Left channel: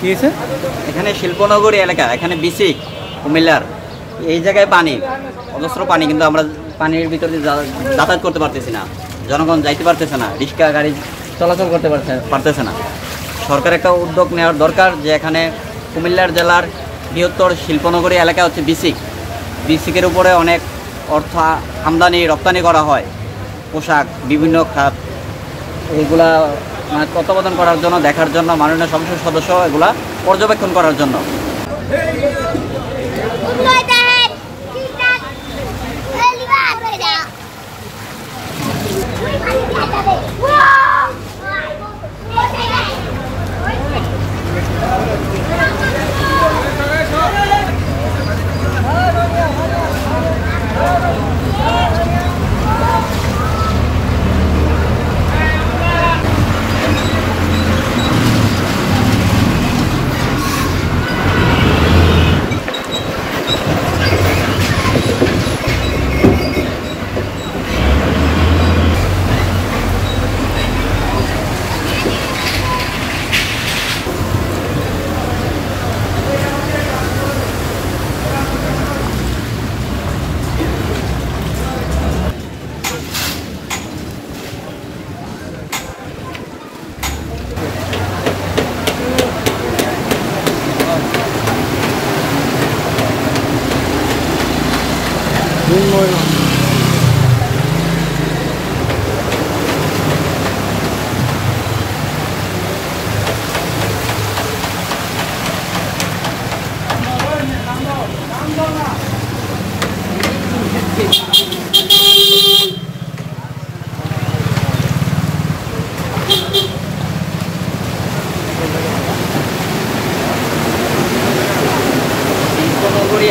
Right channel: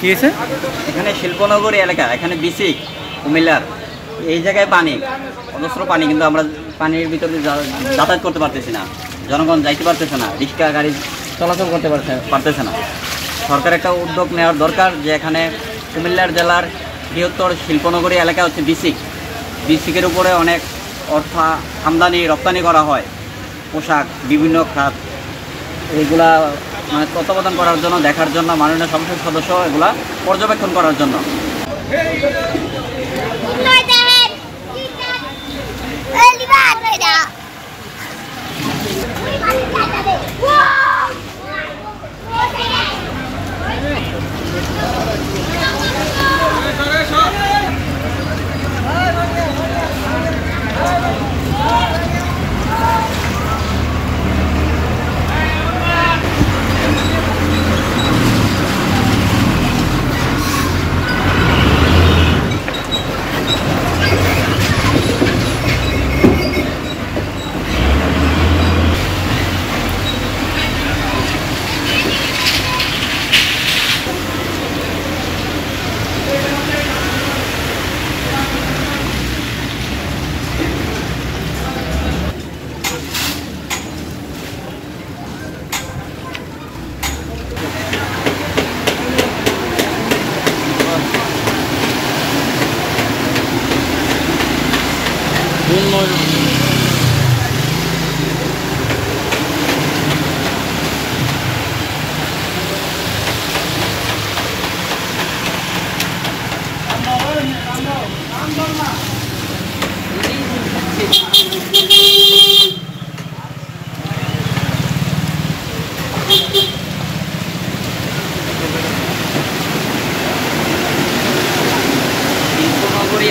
কি হয়েছে? এখানে শিল্পনগরী এলাকা, এখানে বিসিক কুমিল্লার এই জায়গায় পানি, অজস্র পানি, কিন্তু আমরা পানির ভিতরে যাতায়াত করতে পারতেছি না, জনগণ যাইতে পারতেছে না, রিক্সা গাড়ি চলাচল করতে পারতেছে না। সরকার একটা উদ্যোগ নেওয়ার দরকার যে এখানে কুমিল্লার জেলার বৃহত্তর শিল্পনগরী এলাকা হচ্ছে বিসিক, বিসিকের উপরে অনেক অর্থ আমদানি রপ্তানি করা হয়, পোশাক, বিভিন্ন খাত, এইগুলা মানে তত্ত্বাবধান করার জন্য, দেখার জন্য, মাননীয় সংসদ সদস্য এগুলা পর্যবেক্ষণ করার জন্য।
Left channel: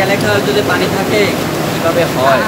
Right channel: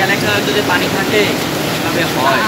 এলাকায় যদি পানি থাকে তবে হয়।